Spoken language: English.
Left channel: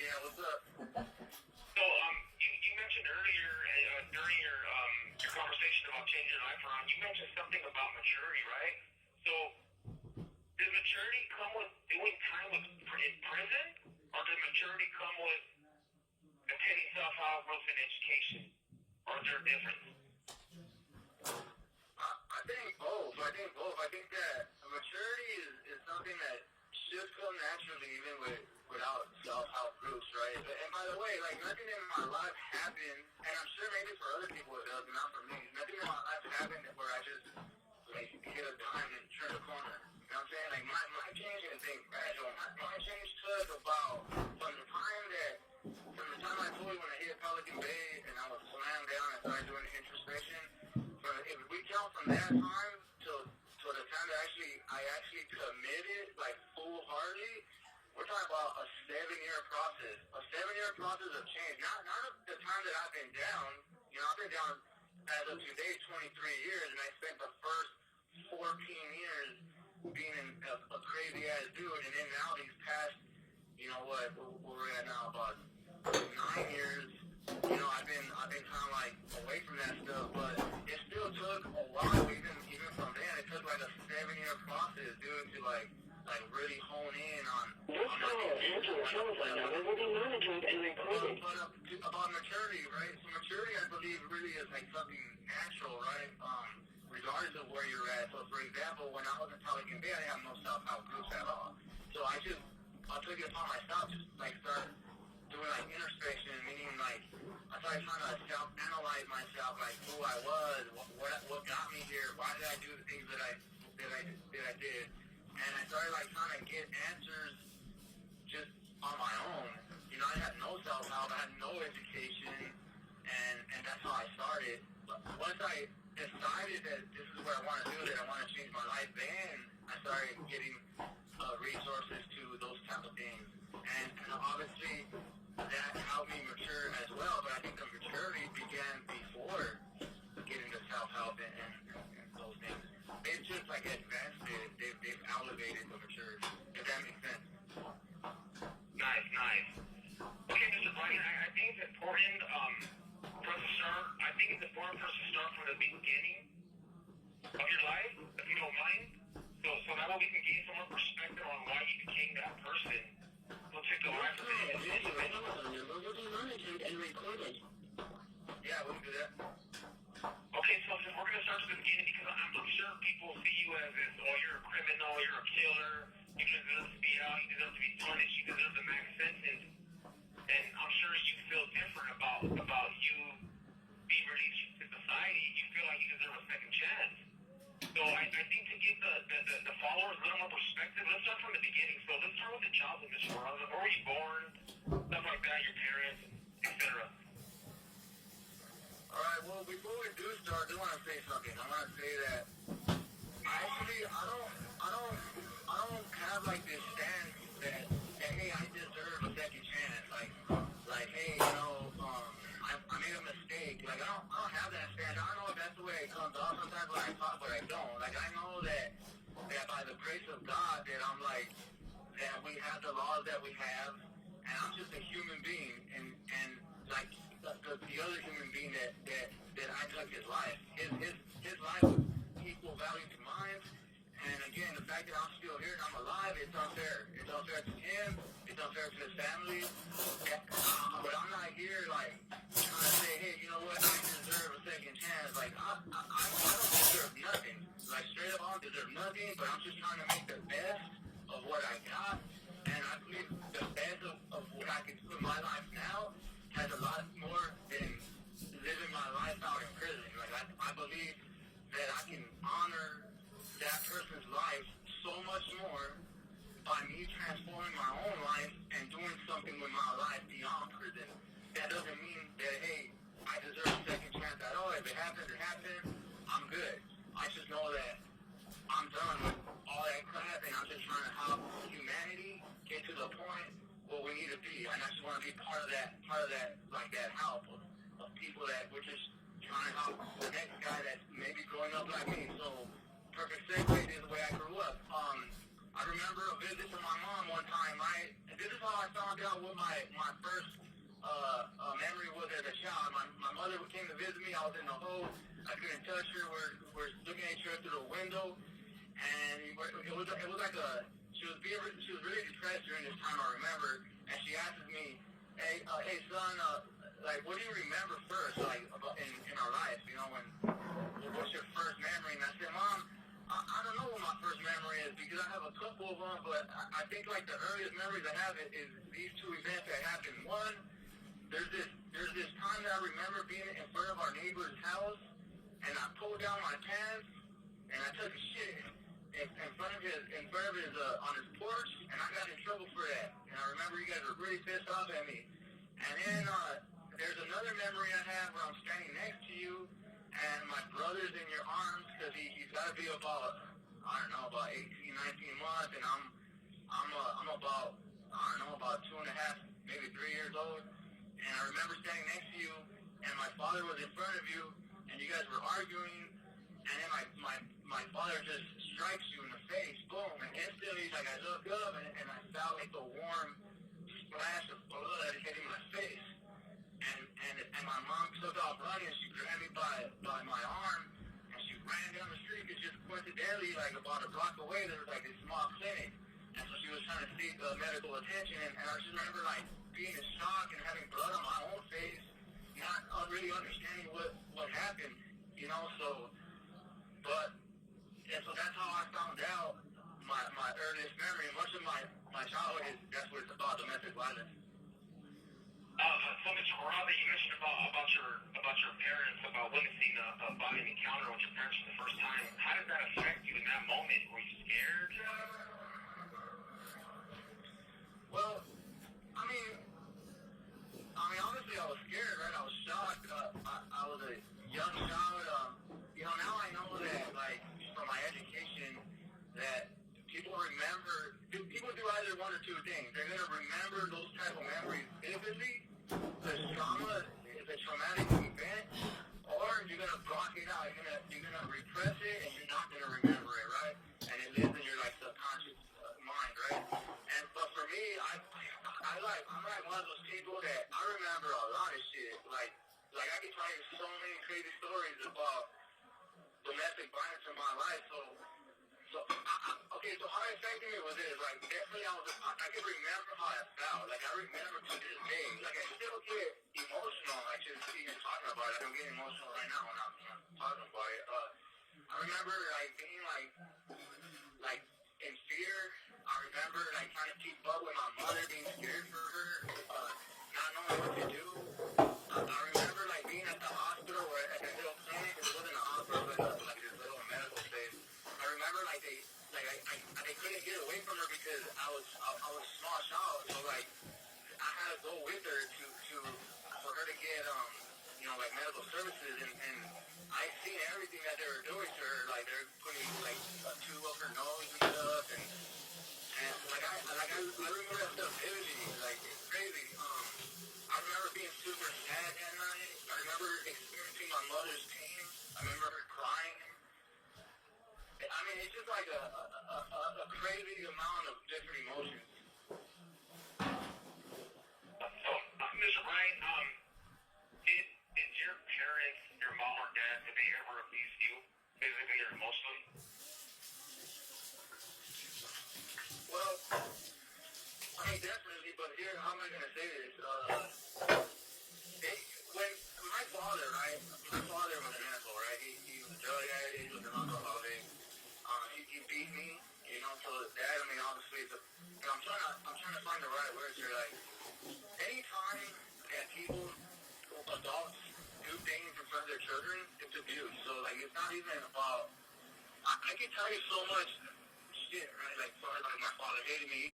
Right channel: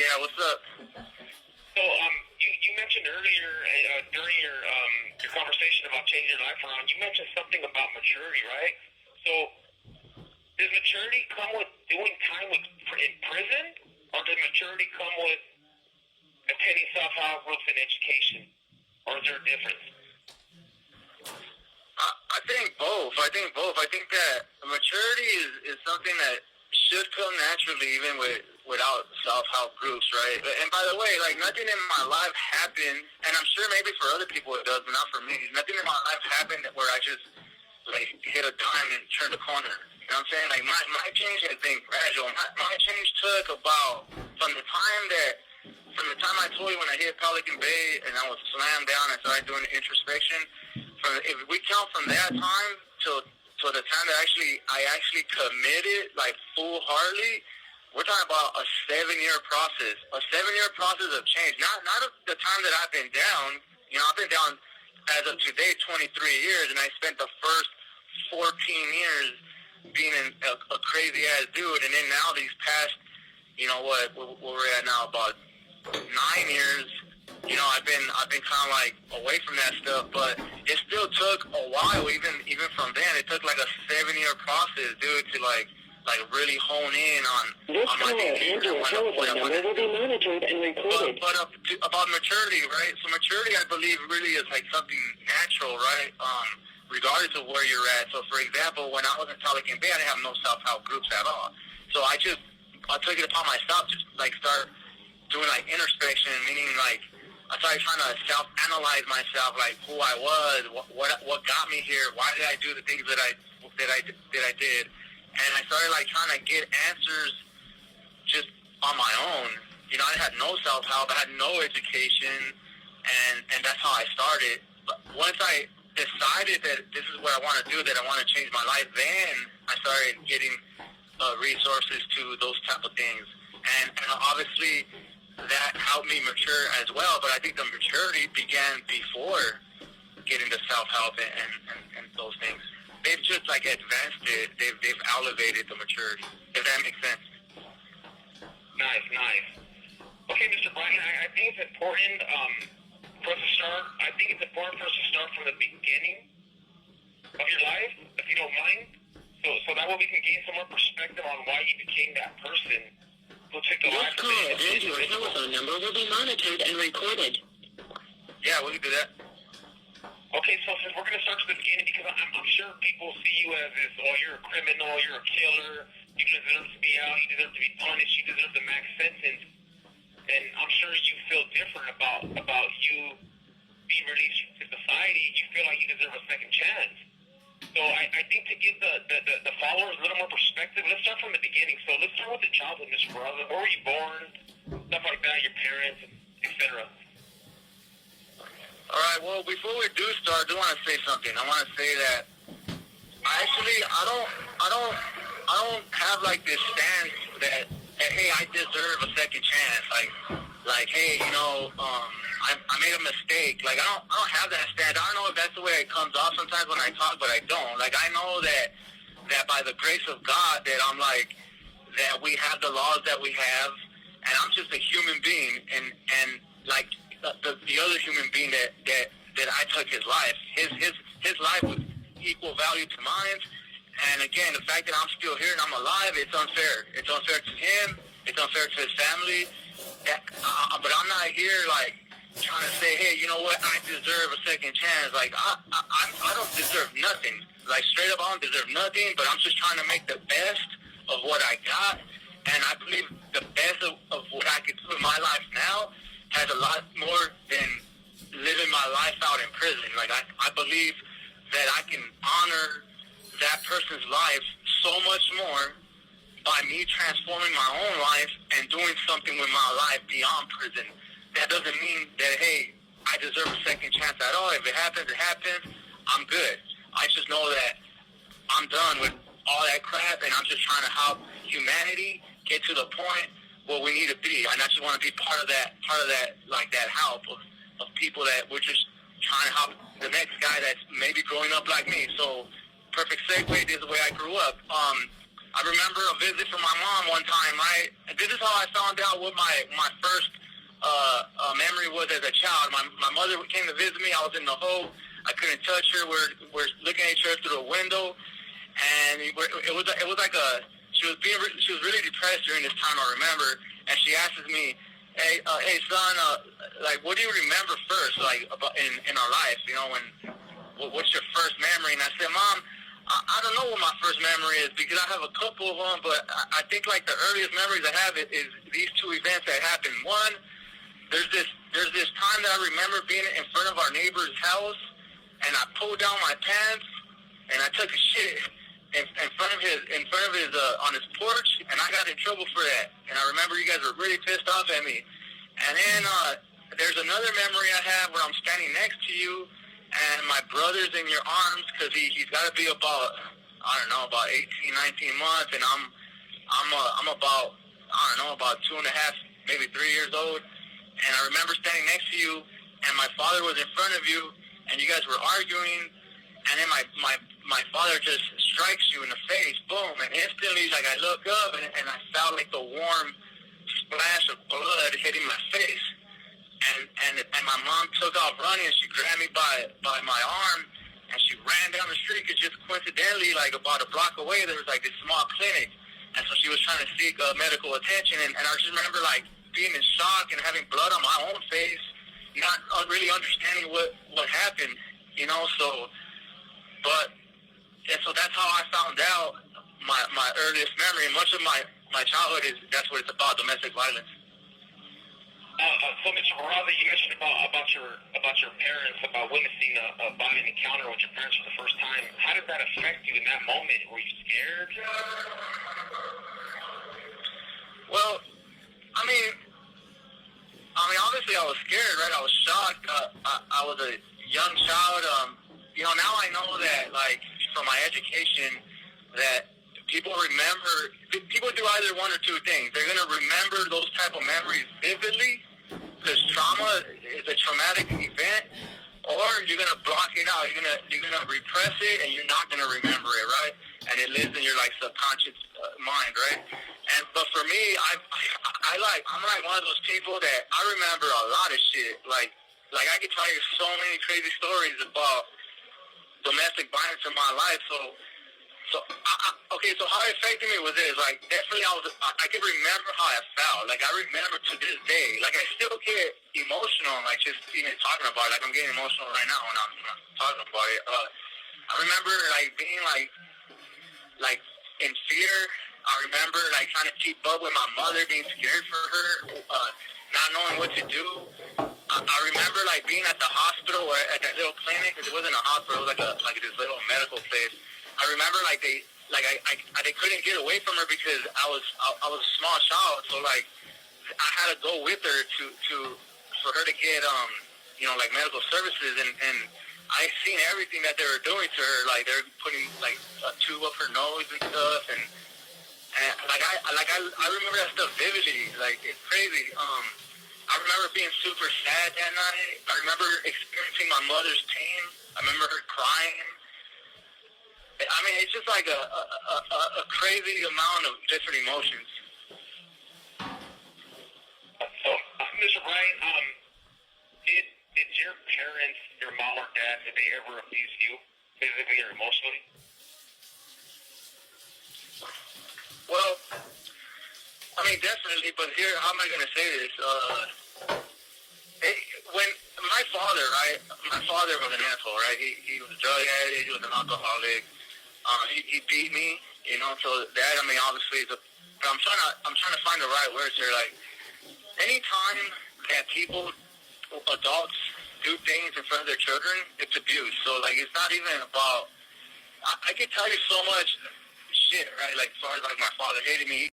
Yeah, what's up? So, you mentioned earlier during your conversation about changing your life around, you mentioned something about maturity, right? So, does maturity come with doing time in prison, or does maturity come with attending self-help groups and education, or is there a difference? I think both. I think that maturity is something that should come naturally, even without self-help groups, right? And by the way, like, nothing in my life happened, and I'm sure maybe for other people it does, but not for me. Nothing in my life happened where I just, like, hit a dime and turned a corner. You know what I'm saying? Like, my change has been gradual. My change took about, from the time I told you when I hit Pelican Bay and I was slammed down and started doing introspection, if we count from that time till the time that I actually committed, like, full-heartedly, we're talking about a 7-year process. A 7-year process of change. Not the time that I've been down. You know, I've been down as of today 23 years, and I spent the first 14 years being a crazy-ass dude, and then now these past, you know what we're at now, about 9 years, you know, I've been kind of like away from that stuff, but it still took a while, even from then. It took like a 7-year process, dude, to like really hone in on my behavior. Will be monitored and recorded. But about maturity, right? So maturity, I believe, really is like something natural, right? Regardless of where you're at. So, for example, when I was in Pelican Bay, I didn't have no self-help groups at all. So I took it upon myself to like start doing like introspection, meaning like I started trying to self-analyze myself, like who I was, what got me here, why did I do the things that I did, and I started like trying to get answers just on my own. You know, I had no self-help, I had no education, and that's how I started. But once I decided that this is what I want to do, that I want to change my life, then I started getting resources to those type of things, and obviously that helped me mature as well. But I think the maturity began before getting to self-help and those things. They've just like advanced it. They've elevated the maturity, if that makes sense. Nice. Okay, Mr. Bryand, I think it's important for us to start. I think it's important for us to start from the beginning of your life, if you don't mind. So that way we can gain some more perspective on why you became that person who took the life of the individual. Your telephone number will be monitored and recorded. Yeah, we can do that. Okay, so since we're going to start from the beginning, because I'm sure people see you as this, oh, you're a criminal, you're a killer, you deserve to be out, you deserve to be punished, you deserve the max sentence, and I'm sure you feel different about you being released to society. You feel like you deserve a second chance. So I think to give the followers a little more perspective, let's start from the beginning. So let's start with the childhood, Mr. Bryand. Where were you born? Stuff like that, your parents, etc. All right. Well, before we do start, I do want to say something. I want to say that I don't have like this stance that hey, I deserve a second chance. Like hey, you know, I made a mistake. Like I don't have that stance. I don't know if that's the way it comes off sometimes when I talk, but I don't. Like I know that by the grace of God that I'm like that we have the laws that we have, and I'm just a human being, and like the other human being that I took his life. His life was equal value to mine. And again, the fact that I'm still here and I'm alive, it's unfair. It's unfair to him. It's unfair to his family. But I'm not here like trying to say, hey, you know what? I deserve a second chance. Like I don't deserve nothing. Like straight up, I don't deserve nothing. But I'm just trying to make the best of what I got. And I believe the best of what I could do in my life now has a lot more than living my life out in prison. Like I believe that I can honor that person's life so much more by me transforming my own life and doing something with my life beyond prison. That doesn't mean that, hey, I deserve a second chance at all. If it happens, it happens. I'm good. I just know that I'm done with all that crap, and I'm just trying to help humanity get to the point where we need to be. And I just want to be part of that, like that help of people that we're just trying to help the next guy that's maybe growing up like me. So perfect segue, this is the way I grew up. I remember a visit from my mom one time, right? And this is how I found out what my first memory was as a child. My mother came to visit me. I was in the hole. I couldn't touch her. We're looking at each other through a window, and it was like she was really depressed during this time. I remember, and she asks me, "Hey son, like what do you remember first, like about in our life? You know, what's your first memory?" And I said, "Mom, I don't know what my first memory is because I have a couple of them, but I think like the earliest memories I have is these two events that happened. One, there's this time that I remember being in front of our neighbor's house, and I pulled down my pants and I took a shit in front of his on his porch, and I got in trouble for that. And I remember you guys were really pissed off at me. And then there's another memory I have where I'm standing next to you, and my brother's in your arms because he's got to be about, I don't know, about 18, 19 months, and I'm about, I don't know, about 2.5, maybe 3 years old. And I remember standing next to you, and my father was in front of you, and you guys were arguing, and then my father just strikes you in the face, boom, and instantly, like, I look up, and I felt like the warm splash of blood hitting my face. And my mom took off running, and she grabbed me by my arm, and she ran down the street, because just coincidentally, like, about a block away, there was, like, this small clinic, and so she was trying to seek medical attention, and I just remember, like, being in shock and having blood on my own face, not really understanding what happened, you know, so that's how I found out my earliest memory, and much of my childhood that's what it's about, domestic violence. So, Mr. Baraza, you mentioned about your parents, about witnessing a violent encounter with your parents for the first time. How did that affect you in that moment? Were you scared? Well, I mean, obviously I was scared, right? I was shocked. I was a young child. You know, now I know that, like, from my education, that people do either one or two things. They're going to remember those type of memories vividly, because trauma is a traumatic event, or you're going to block it out. You're going to repress it, and you're not going to remember it, right? And it lives in your, like, subconscious mind, right? But for me, I'm like one of those people that I remember a lot of shit. Like I could tell you so many crazy stories about domestic violence in my life. So how it affected me was this. Like, definitely I could remember how I felt. Like, I remember to this day. Like, I still get emotional, like, just even talking about it. Like, I'm getting emotional right now when I'm talking about it. I remember, like, being, like, in fear. I remember, like, trying to keep up with my mother, being scared for her, not knowing what to do. I remember, like, being at the hospital or at that little clinic, because it wasn't a hospital, it was like this little medical place. I remember, like, they couldn't get away from her because I was a small child, so, like, I had to go with her for her to get you know, like, medical services, and I seen everything that they were doing to her. Like, they're putting, like, a tube up her nose and stuff, and I remember that stuff vividly. Like, it's crazy. I remember being super sad that night. I remember experiencing my mother's pain. I remember her crying. I mean, it's just like a crazy amount of different emotions. So, Mr. Bryant, did your parents, your mom or dad, did they ever abuse you physically or emotionally? Well, I mean, definitely, but here, how am I going to say this? When my father, right, my father was an asshole, right? He was a drug addict, he was an alcoholic. He beat me, you know, so that, I mean, obviously, I'm trying to find the right words here. Like, anytime that adults do things in front of their children, it's abuse. So, like, it's not even about, I can tell you so much shit, right? Like, as far as, like, my father hated me.